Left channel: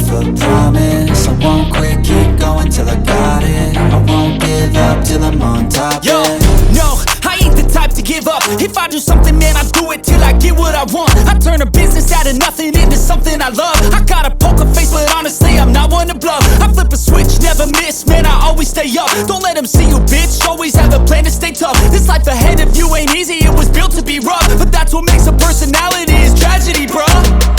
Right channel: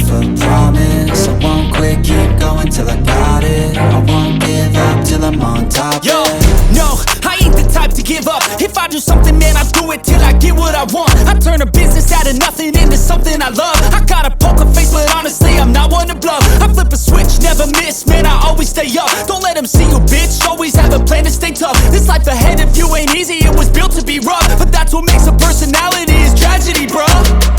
myself a promise. I won't quit, keep going till I got it. I won't give up till I'm on top. Yo, yeah. no, I ain't the type to give up. If I do something, man, I do it till I get what I want. I turn a business out of nothing into something I love. I got a poker face, but honestly, I'm not one to bluff. I flip a switch, never miss, man, I always stay up. Don't let them see you, bitch, always have a plan to stay tough. This life ahead of you ain't easy, it was built to be rough. But that's what makes a personality, is tragedy, bruh.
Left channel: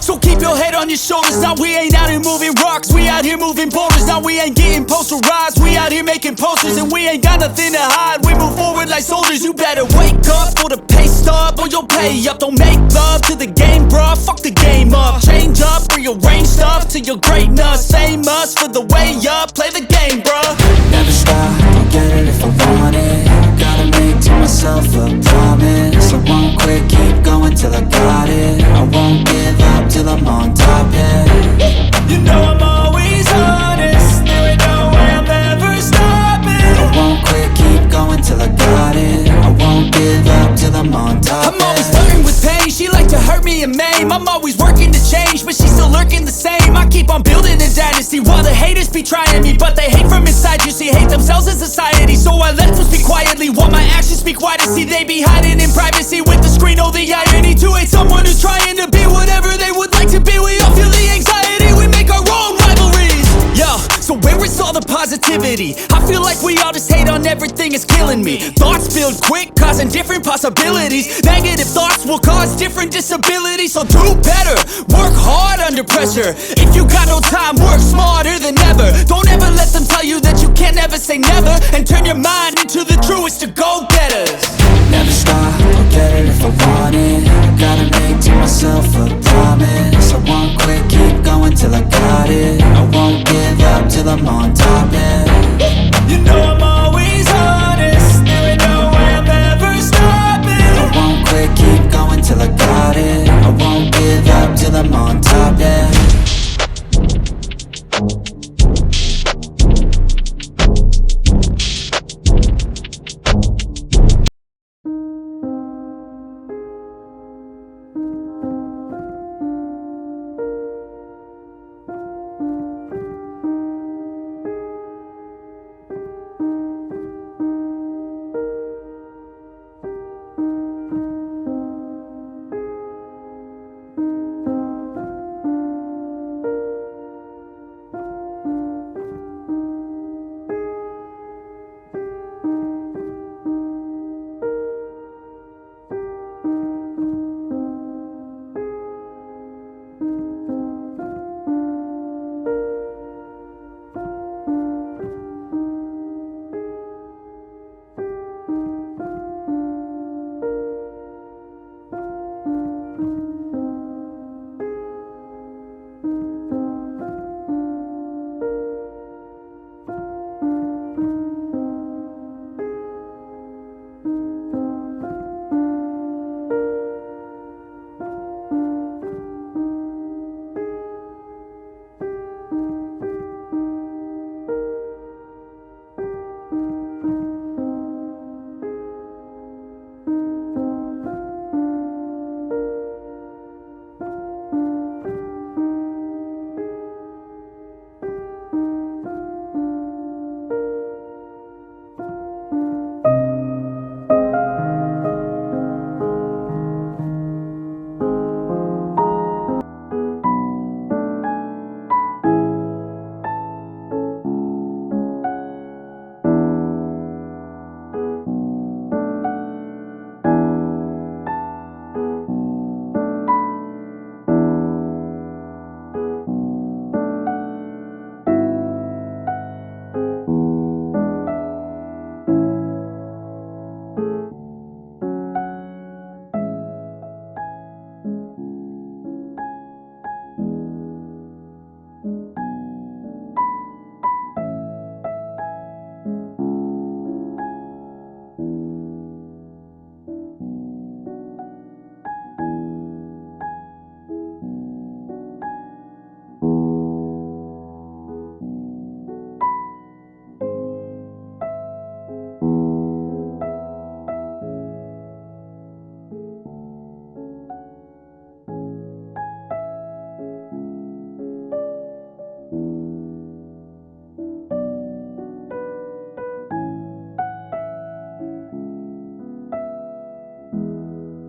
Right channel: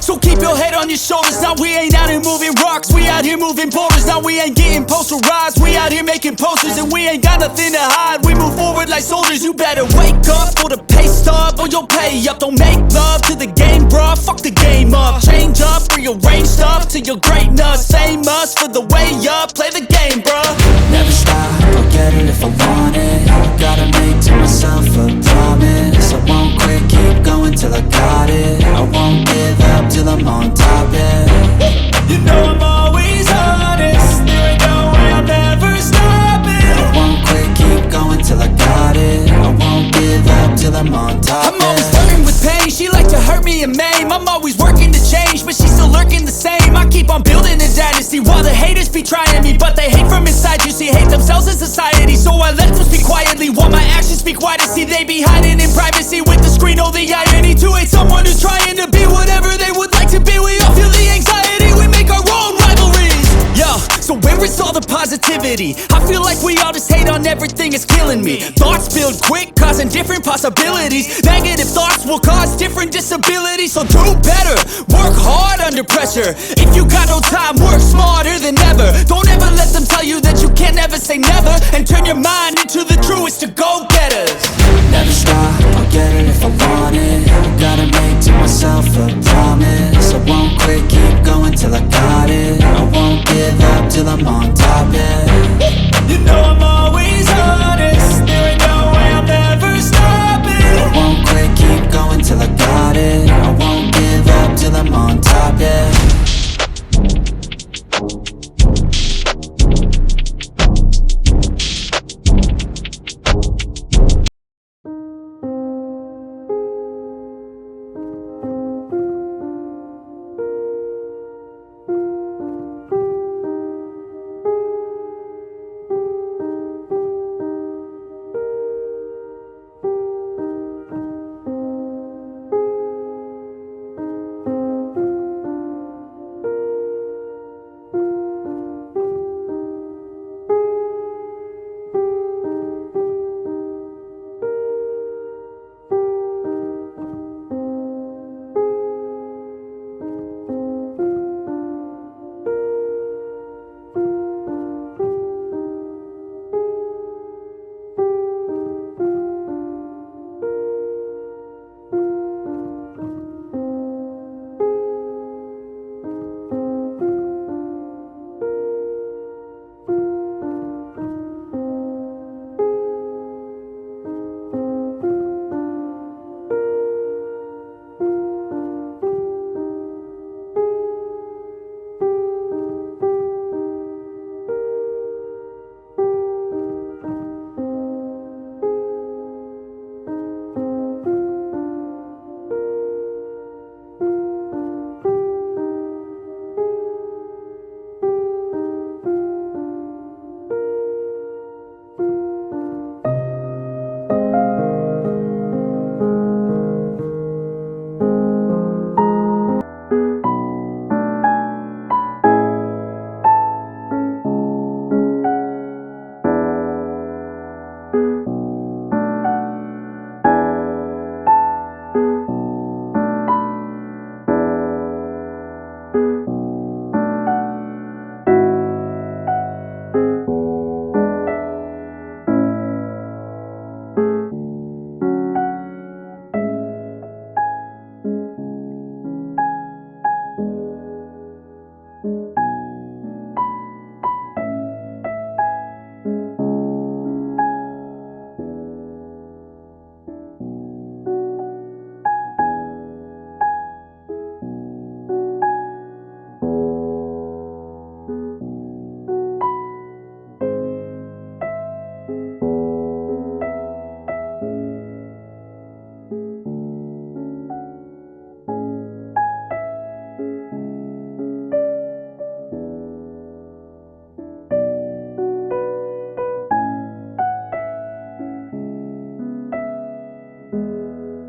So keep your head on your shoulders. Now we ain't out here moving rocks, we out here moving boulders. Now we ain't getting posterized, we out here making posters. And we ain't got nothing to hide, we move forward like soldiers. You better wake up for the pay stub, or you'll pay up. Don't make love to the game, bruh, fuck the game up. Change up, rearrange stuff to your greatness. Famous for the way up, play the game, bruh. Never stop, I'll get it if I want it. Gotta make to myself a promise. I won't quit, keep going till I got it. I won't give up till I'm on top, yeah. You know I'm always honest, there ain't no way I'm ever stopping. I won't quit, keep going till I got it. I won't give up till I'm on top, I'm always flirting with pain, she like to hurt me and maim. I'm always working to change, but she's still lurking the same. I keep on building a dynasty while the haters be trying me. But they hate from inside, you see, hate themselves in society. So I let them speak quietly while my actions speak wider. See, they be hiding in privacy with the screen, oh the irony. To hate someone who's trying to be whatever they would like to be. We all feel the anxiety, we make our own rivalries. Yo, so where is all the positivity? I feel like we all just hate on everything, it's killing me. Thoughts build quick, causing different possibilities. Negative thoughts will cause different disabilities. So do better, work hard under pressure. If you got no time, work smarter than ever. Don't ever let them tell you that you can't never say never. And turn your mind into the truest of go-getters. Never stop, I'll get it if I want it. Gotta make to myself a promise. I won't quit, keep going till I got it. I won't give up till I'm on top, yeah. You know I'm always honest, there ain't no way I'm ever stopping. I won't quit, keep going till I got it. I won't give up till I'm on top, yeah.